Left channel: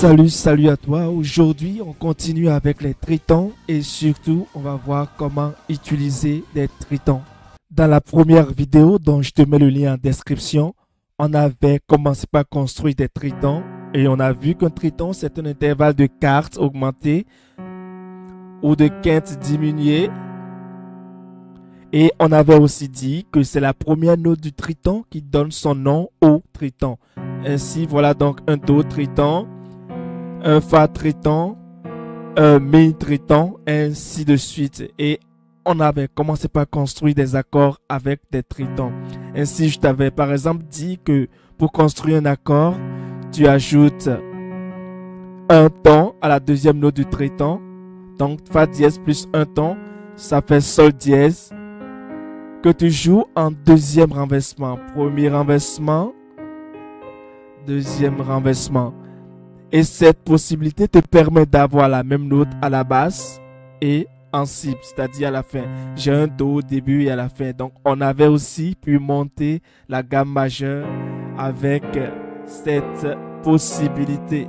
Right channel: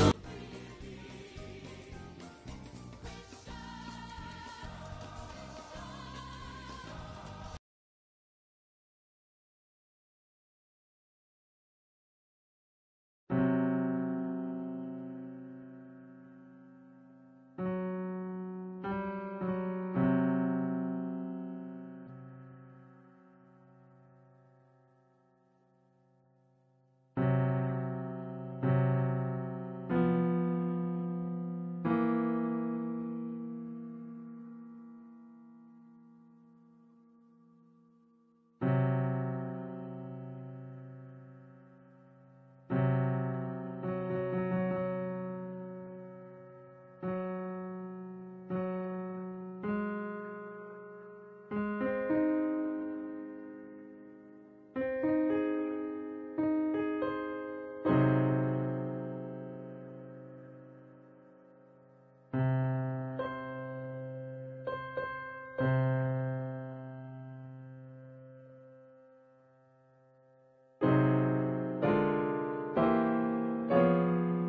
Salut à toi. Aujourd'hui, on continue avec les tritons et surtout, on va voir comment utiliser les tritons. Dans la première vidéo, dont je te mets le lien en description, on avait commencé par construire des tritons et on a vu qu'un triton, c'est un intervalle de quartes augmenté ou de quintes diminué. Et on avait aussi dit que c'est la première note du triton qui donne son nom au triton. Ainsi, voilà donc un Do triton, un Fa triton, un Mi triton, ainsi de suite. Et on avait commencé par construire des accords avec des tritons. Ainsi, je t'avais par exemple dit que pour construire un accord, tu ajoutes un ton à la deuxième note du triton. Donc, Fa dièse plus un ton, ça fait Sol dièse, que tu joues en deuxième renversement. Premier renversement, deuxième renversement. Et cette possibilité te permet d'avoir la même note à la basse et en si, c'est-à-dire à la fin. J'ai un Do au début et à la fin. Donc, on avait aussi pu monter la gamme majeure avec cette possibilité.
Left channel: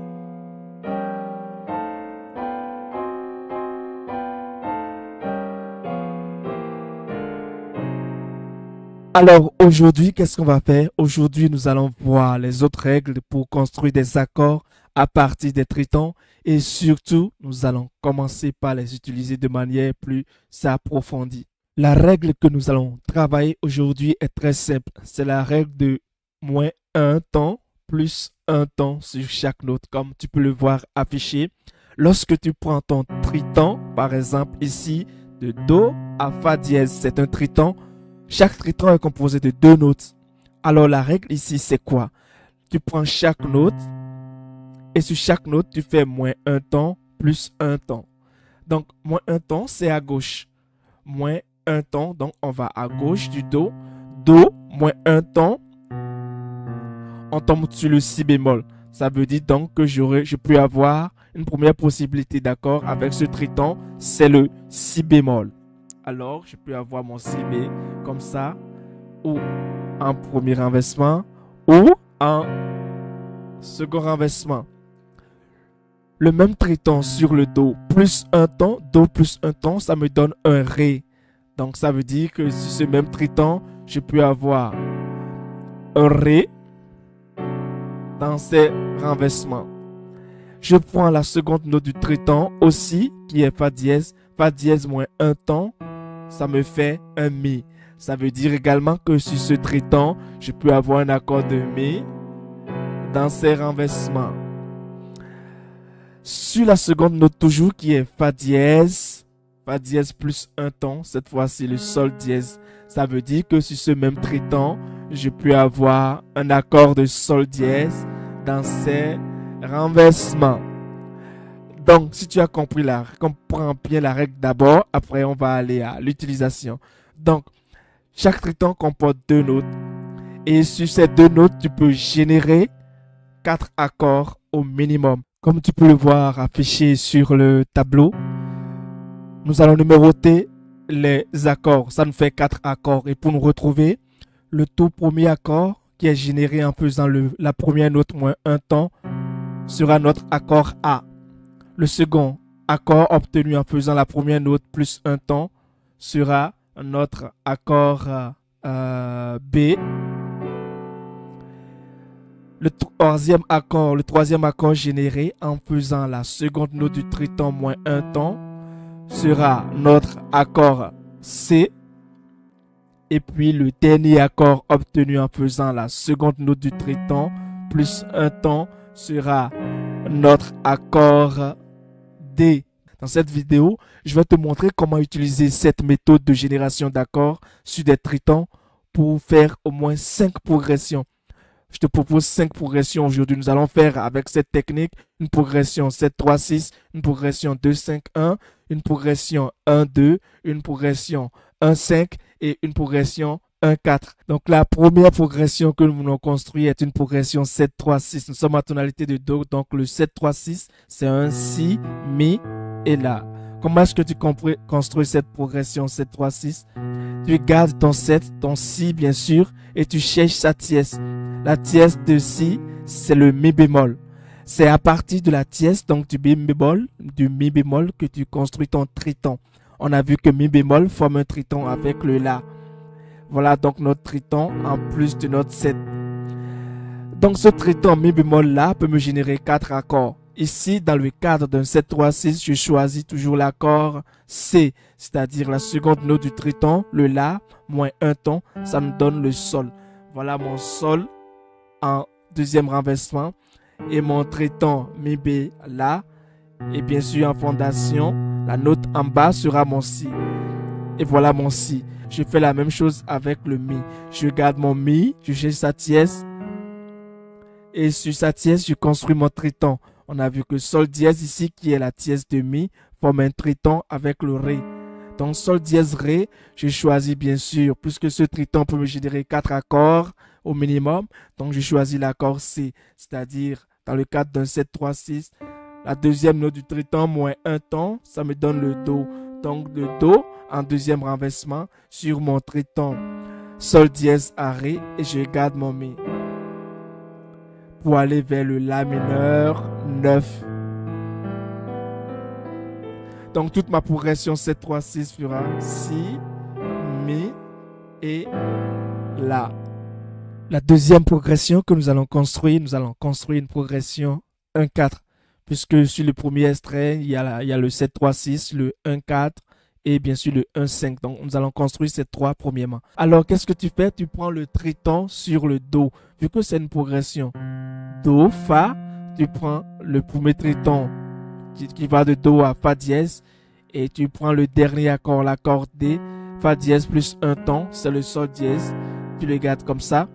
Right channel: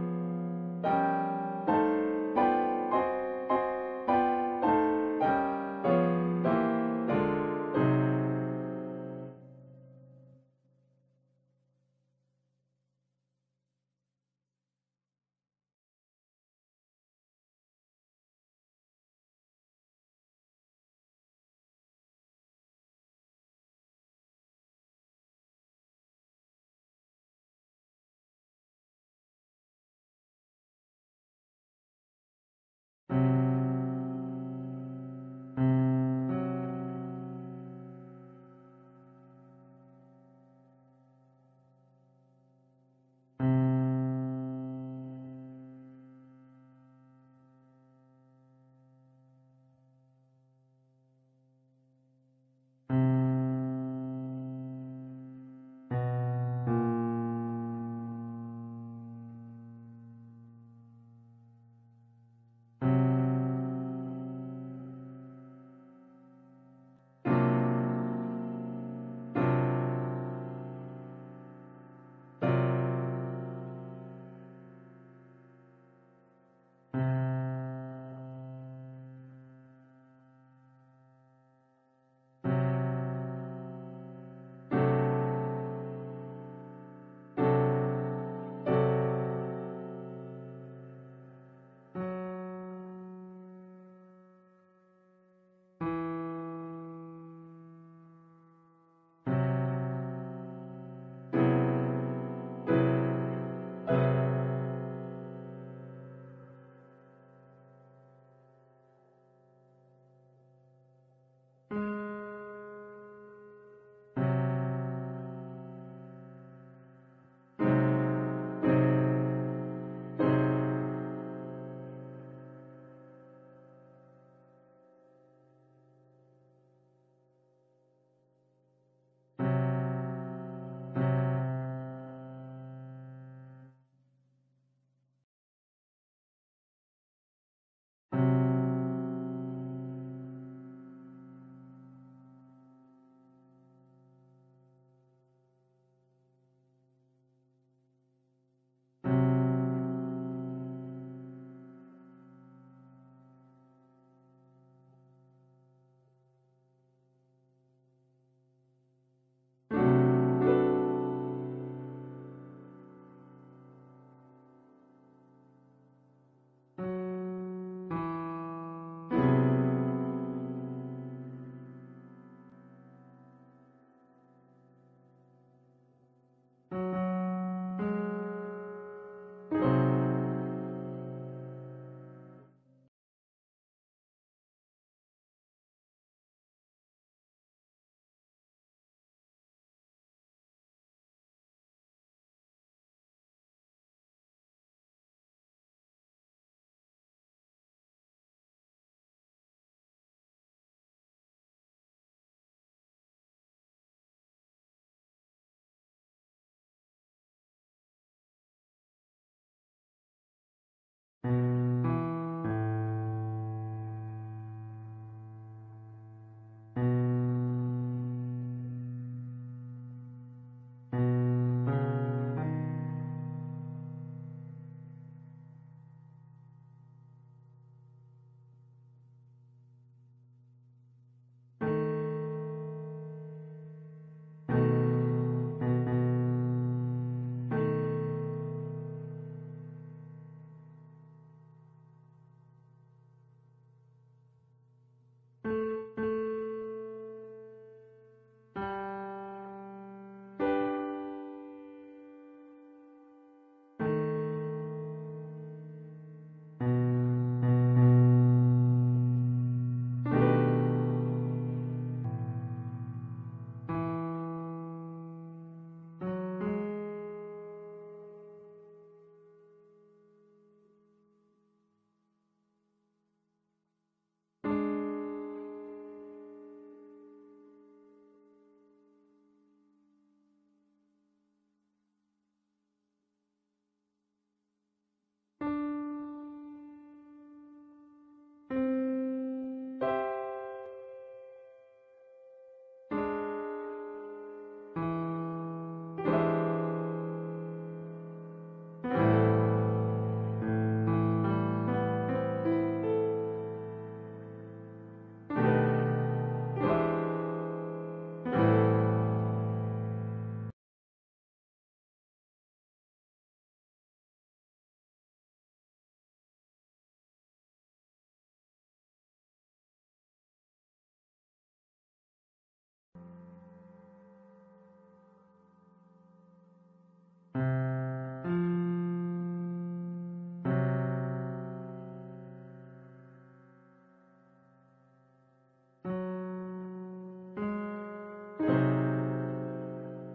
Alors aujourd'hui, qu'est-ce qu'on va faire? Aujourd'hui, nous allons voir les autres règles pour construire des accords à partir des tritons et surtout, nous allons commencer par les utiliser de manière plus approfondie. La règle que nous allons travailler aujourd'hui est très simple. C'est la règle de moins un ton plus un ton sur chaque note, comme tu peux le voir affiché. Lorsque tu prends ton triton, par exemple ici, de Do à Fa dièse, c'est un triton. Chaque triton est composé de deux notes. Alors la règle ici, c'est quoi? Tu prends chaque note et sur chaque note, tu fais moins un ton plus un ton. Donc, moins un ton, c'est à gauche. Moins un ton, donc on va à gauche du Do. Do, moins un ton, on tombe sur le Si bémol. Ça veut dire donc que je peux avoir une première possibilité d'accord avec ce triton, c'est le Si bémol. Alors, je peux avoir mon Si bé comme ça, ou en premier renversement, ou en second renversement. Le même triton sur le Do plus un ton, ça me donne un Ré. Donc, ça veut dire que sur ce même triton, je peux avoir un Ré dans ces renversements. Je prends la seconde note du triton aussi, qui est Fa dièse moins un ton, ça me fait un Mi. Ça veut dire également que sur ce triton, je peux avoir un accord de Mi dans ces renversements. Sur la seconde note toujours qui est Fa dièse plus un ton, cette fois-ci le Sol dièse. Ça veut dire que sur ce même triton, je peux avoir un accord de Sol dièse dans ces renversements. Donc, si tu as compris comprends bien la règle d'abord, après on va aller à l'utilisation. Donc, chaque triton comporte deux notes. Et sur ces deux notes, tu peux générer 4 accords au minimum. Comme tu peux le voir affiché sur le tableau, nous allons numéroter les accords. Ça nous fait 4 accords. Et pour nous retrouver, le tout premier accord qui est généré en faisant la première note moins un ton sera notre accord A. Le second accord obtenu en faisant la première note plus un ton sera notre accord B. Le troisième accord généré en faisant la seconde note du triton moins un ton sera notre accord C. Et puis le dernier accord obtenu en faisant la seconde note du triton plus un ton sera notre accord D. Dans cette vidéo, je vais te montrer comment utiliser cette méthode de génération d'accords sur des tritons pour faire au moins 5 progressions. Je te propose 5 progressions aujourd'hui. Nous allons faire avec cette technique une progression 7-3-6, une progression 2-5-1, une progression 1-2, une progression 1-5 et une progression 1-4. Donc la première progression que nous voulons construire est une progression 7-3-6. Nous sommes en tonalité de Do, donc le 7-3-6, c'est un Si, Mi et La. Comment est-ce que tu construis cette progression 7-3-6? Tu gardes ton 7, ton Si bien sûr, et tu cherches sa tierce. La tierce de Si, c'est le Mi bémol. C'est à partir de la dièse, donc du mi bémol, que tu construis ton triton. On a vu que mi bémol forme un triton avec le la. Voilà donc notre triton en plus de notre 7. Donc ce triton mi bémol là peut me générer 4 accords. Ici, dans le cadre d'un 7-3-6, je choisis toujours l'accord C, c'est-à-dire la seconde note du triton, le la, moins un ton, ça me donne le sol. Voilà mon sol en deuxième renversement et mon triton mi bé la. Et bien sûr en fondation, la note en bas sera mon si. Et voilà mon si. Je fais la même chose avec le mi. Je garde mon mi, je cherche sa dièse. Et sur sa dièse, je construis mon triton. On a vu que sol dièse ici, qui est la dièse de mi, forme un triton avec le ré. Donc sol dièse ré, je choisis bien sûr, puisque ce triton peut me générer 4 accords au minimum. Donc je choisis l'accord C, c'est-à-dire dans le cadre d'un 7-3-6, la deuxième note du triton moins un ton, ça me donne le do. Donc le do en deuxième renversement sur mon triton sol dièse à ré et je garde mon mi. Pour aller vers le la mineur 9. Donc toute ma progression 7-3-6 fera si, mi et la. La deuxième progression que nous allons construire une progression 1-4. Puisque sur le premier extrait, il y a le 7-3-6, le 1-4 et bien sûr le 1-5. Donc nous allons construire ces trois premièrement. Alors qu'est-ce que tu fais? Tu prends le triton sur le do. Vu que c'est une progression do, fa, tu prends le premier triton qui va de do à fa dièse et tu prends le dernier accord, l'accord D, fa dièse plus un ton, c'est le sol dièse. Tu le gardes comme ça.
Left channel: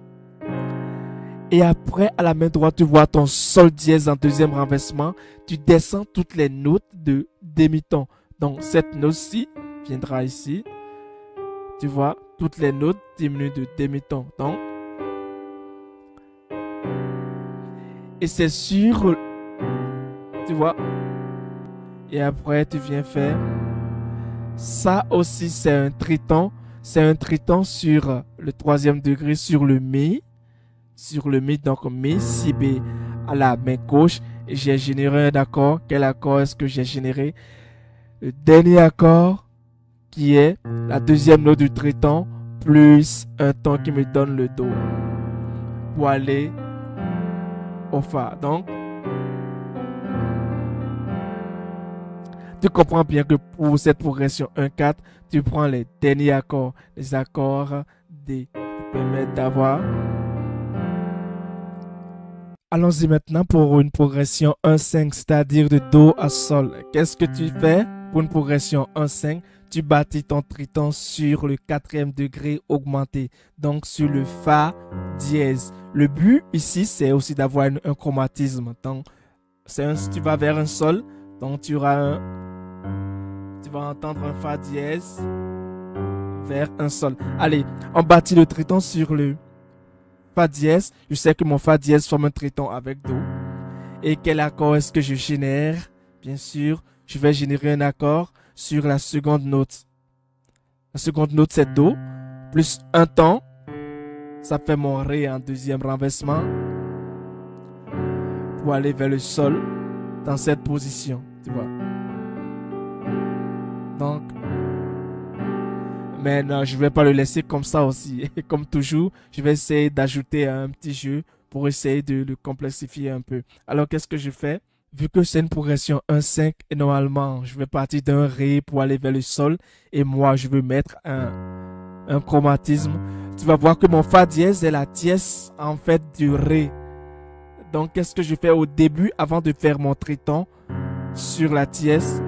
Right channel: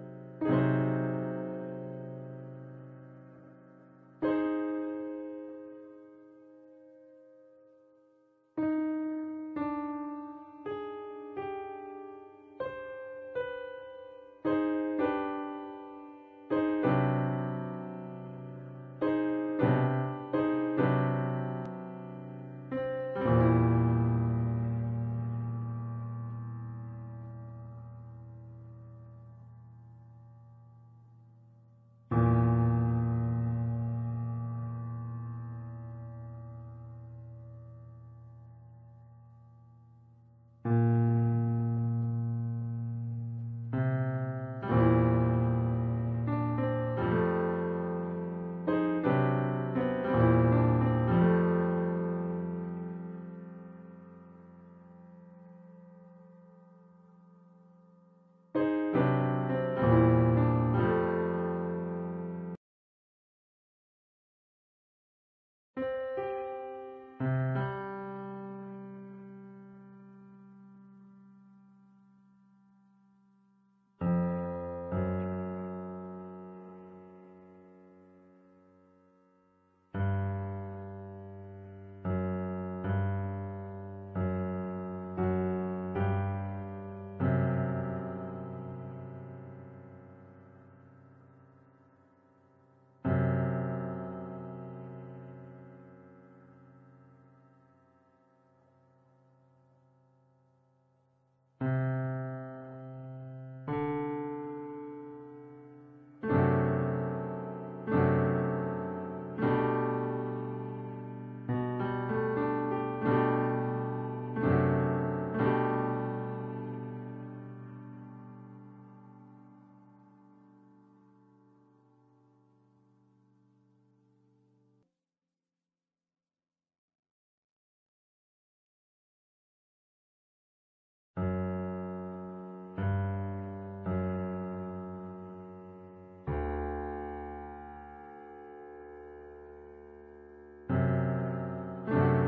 Et après, à la main droite, tu vois ton sol dièse en deuxième renversement. Tu descends toutes les notes de demi-ton. Donc, cette note-ci viendra ici. Tu vois, toutes les notes diminuent de demi-ton. Donc, et c'est sur, tu vois. Et après, tu viens faire. Ça aussi, c'est un triton. C'est un triton sur le troisième degré, sur le mi. Sur le mi, donc mi, si, b à la main gauche. Et j'ai généré un accord. Quel accord est-ce que j'ai généré? Le dernier accord qui est la deuxième note du triton plus un ton qui me donne le do pour aller au fa. Donc, tu comprends bien que pour cette progression 1-4, tu prends les derniers accords, les accords D qui permettent d'avoir. Allons-y maintenant pour une progression 1-5, c'est-à-dire de do à sol. Qu'est-ce que tu fais pour une progression 1-5? Tu bâtis ton triton sur le quatrième degré augmenté, donc sur le fa dièse. Le but ici, c'est aussi d'avoir un chromatisme. Donc, si tu vas vers un sol, donc tu vas entendre un fa dièse vers un sol. Allez, on bâtit le triton sur le fa dièse. Je sais que mon fa dièse forme un triton avec do. Et quel accord est-ce que je génère? Bien sûr, je vais générer un accord sur la seconde note. La seconde note, c'est do, plus un ton. Ça fait mon ré en deuxième renversement pour aller vers le sol dans cette position. Tu vois? Donc, mais non, je ne vais pas le laisser comme ça aussi. Et comme toujours, je vais essayer d'ajouter un petit jeu pour essayer de le complexifier un peu. Alors, qu'est-ce que je fais? Vu que c'est une progression 1-5, et normalement, je vais partir d'un ré pour aller vers le sol. Et moi, je veux mettre un chromatisme. Tu vas voir que mon fa dièse est la dièse en fait du ré. Donc, qu'est-ce que je fais au début avant de faire mon triton sur la dièse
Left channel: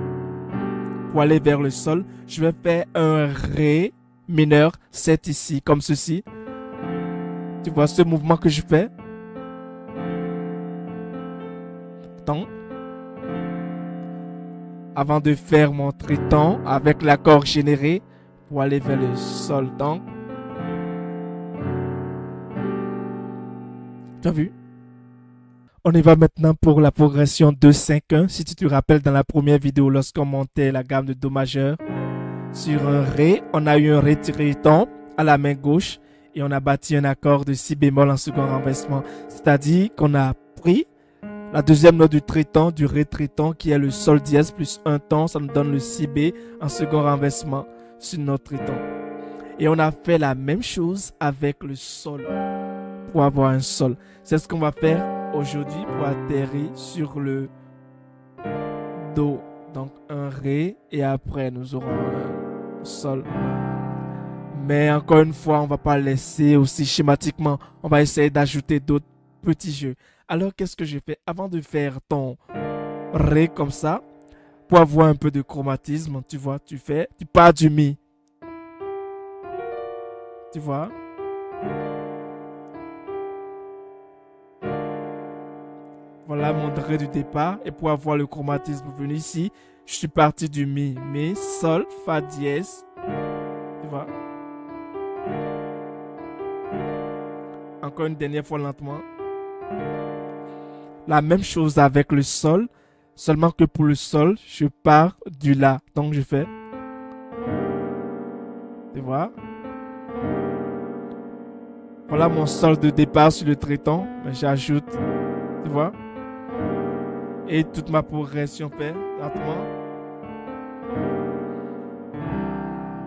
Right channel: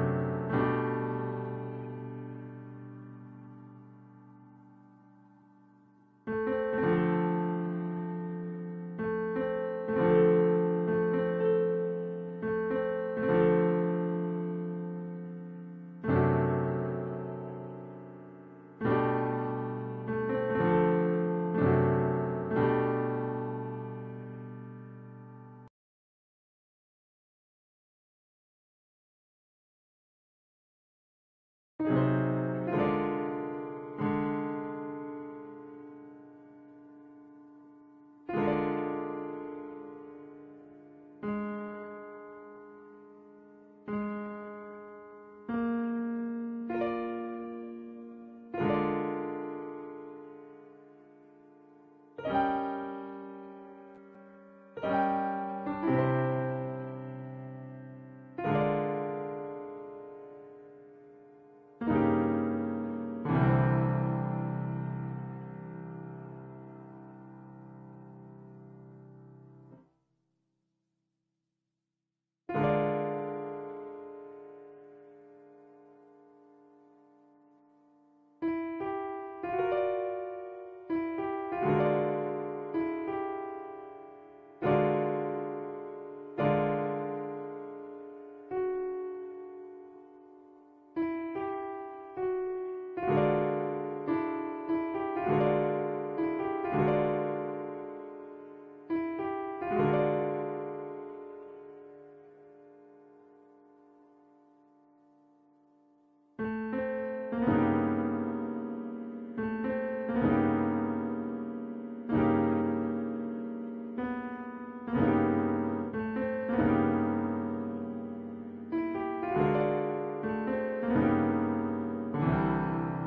pour aller vers le sol? Je vais faire un ré mineur 7 ici, comme ceci. Tu vois ce mouvement que je fais? Donc, avant de faire mon triton avec l'accord généré pour aller vers le sol. Donc, tu as vu? On y va maintenant pour la progression 2-5-1. Si tu te rappelles dans la première vidéo, lorsqu'on montait la gamme de do majeur sur un ré, on a eu un ré triton à la main gauche et on a bâti un accord de si bémol en second renversement. C'est-à-dire qu'on a pris La deuxième note du triton, du ré triton, qui est le sol dièse plus un ton, ça nous donne le si bé en second renversement sur notre triton. Et on a fait la même chose avec le sol pour avoir un sol. C'est ce qu'on va faire aujourd'hui pour atterrir sur le do. Donc un ré et après nous aurons un sol. Mais encore une fois, on ne va pas laisser aussi schématiquement. On va essayer d'ajouter d'autres petits jeux. Alors qu'est-ce que je fais? Avant de faire ton ré comme ça, pour avoir un peu de chromatisme, tu vois, tu pars du mi. Tu vois? Voilà mon ré du départ. Et pour avoir le chromatisme venu ici, je suis parti du mi. Mi, sol, fa dièse. Tu vois? Encore une dernière fois lentement. La même chose avec le sol. Seulement que pour le sol, je pars du la. Donc je fais. Tu vois? Voilà mon sol de départ sur le triton. J'ajoute. Tu vois? Et toute ma progression fait lentement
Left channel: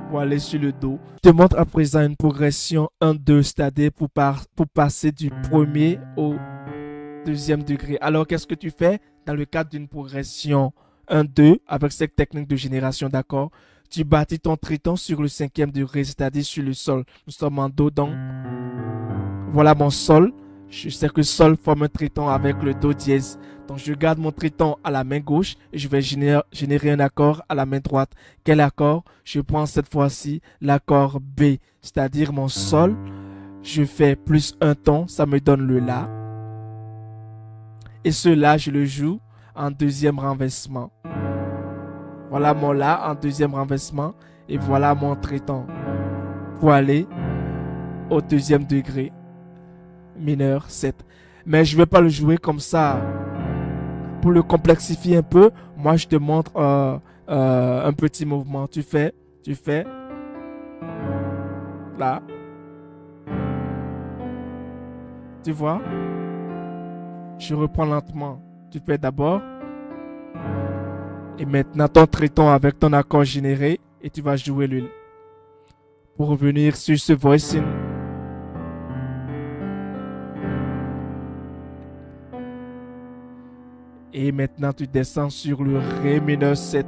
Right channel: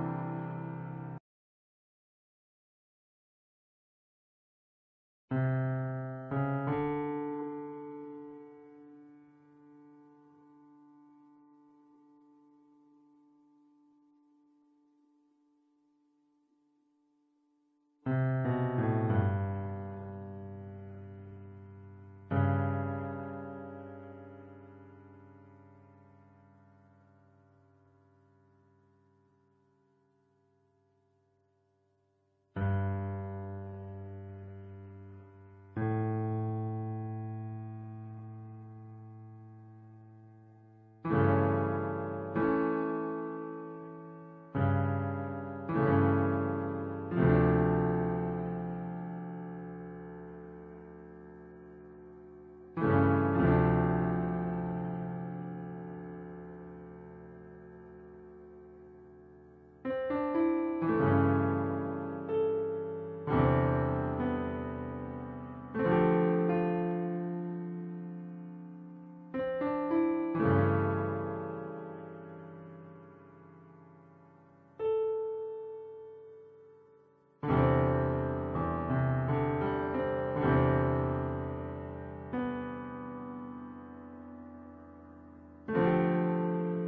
pour aller sur le do. Je te montre à présent une progression 1-2, c'est-à-dire pour passer du premier au deuxième degré. Alors qu'est-ce que tu fais dans le cadre d'une progression 1-2 avec cette technique de génération d'accords? Tu bâtis ton triton sur le cinquième degré, c'est-à-dire sur le sol. Nous sommes en do, donc voilà mon sol. Je sais que sol forme un triton avec le do dièse. Donc je garde mon triton à la main gauche et je vais générer un accord à la main droite. Quel accord? Je prends cette fois-ci l'accord B, c'est-à-dire mon sol. Je fais plus un ton, ça me donne le la. Et ce la, je le joue en deuxième renversement. Voilà mon la en deuxième renversement et voilà mon triton pour aller au deuxième degré mineur 7. Mais je ne vais pas le jouer comme ça. Pour le complexifier un peu, moi je te montre un petit mouvement. Tu fais là. Tu vois? Je reprends lentement. Tu fais d'abord. Et maintenant ton triton avec ton accord généré. Et tu vas jouer le. Pour revenir sur ce voicing. Et maintenant, tu descends sur le ré mineur 7.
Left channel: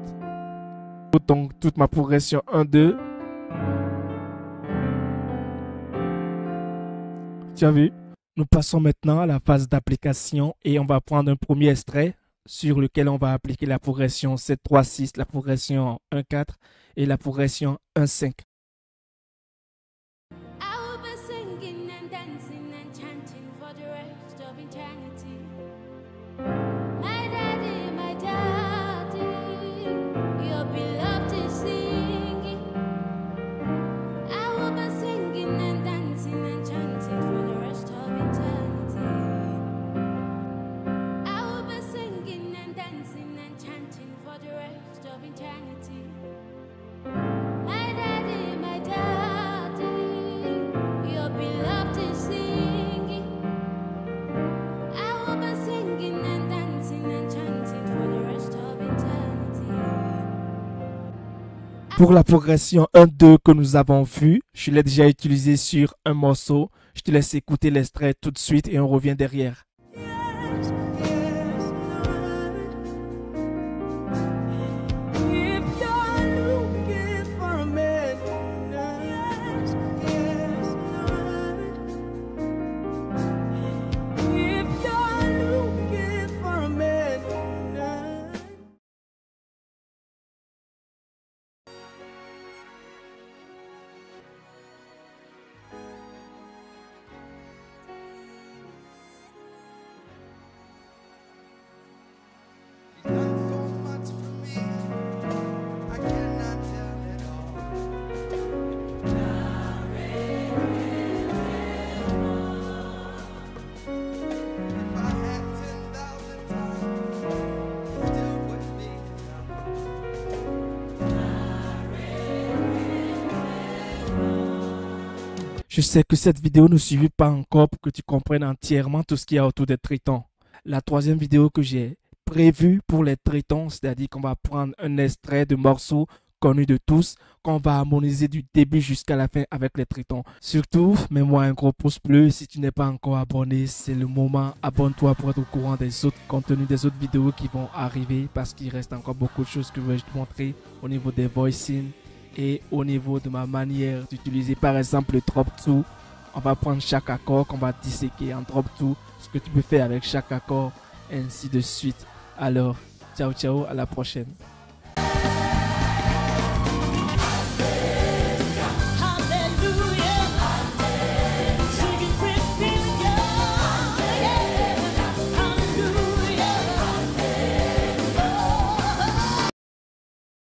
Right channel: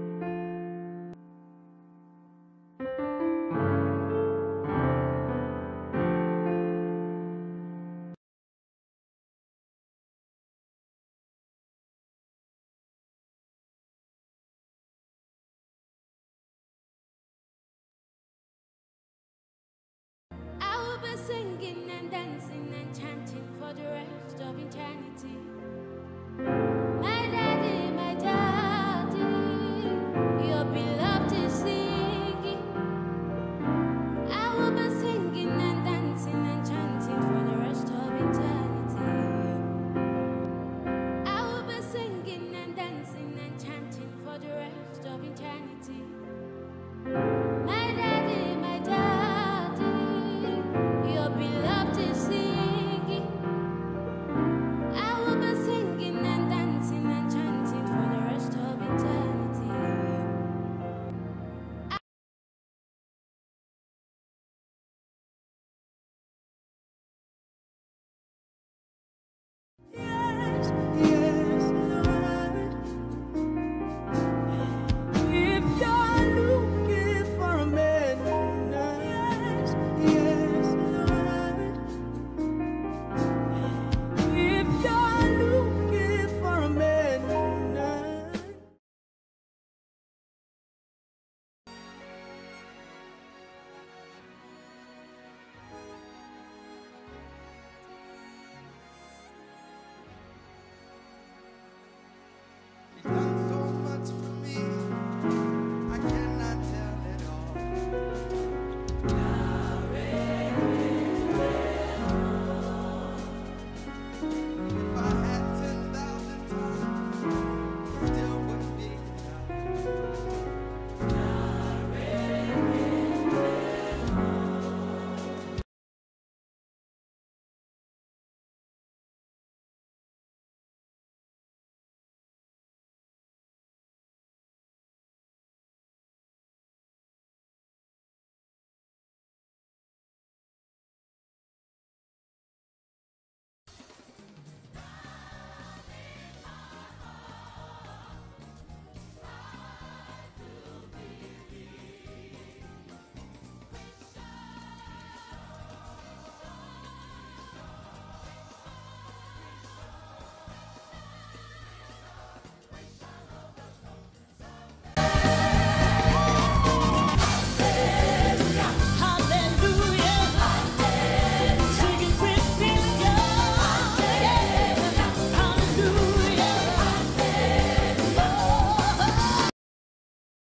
Donc, toute ma progression 1, 2. Tu as vu? Nous passons maintenant à la phase d'application et on va prendre un premier extrait sur lequel on va appliquer la progression 7, 3, 6, la progression 1, 4 et la progression 1, 5. Pour la progression 1-2 que nous avons vue, je l'ai déjà utilisé sur un morceau. Je te laisse écouter l'extrait tout de suite et on revient derrière. Yes, yes, Lord. If you're looking for a man, yes, yes, Lord. If you're looking for a man. Je sais que cette vidéo ne suffit pas encore pour que tu comprennes entièrement tout ce qu'il y a autour des tritons. la troisième vidéo que j'ai prévue pour les tritons, c'est-à-dire qu'on va prendre un extrait de morceaux connus de tous, qu'on va harmoniser du début jusqu'à la fin avec les tritons. Surtout, mets-moi un gros pouce bleu. Si tu n'es pas encore abonné, c'est le moment. Abonne-toi pour être au courant des autres contenus, des autres vidéos qui vont arriver, parce qu'il reste encore beaucoup de choses que je vais te montrer au niveau des voicing et au niveau de ma manière d'utiliser par exemple le drop 2. On va prendre chaque accord qu'on va disséquer en drop 2, ce que tu peux faire avec chaque accord, ainsi de suite. Alors, ciao ciao, à la prochaine.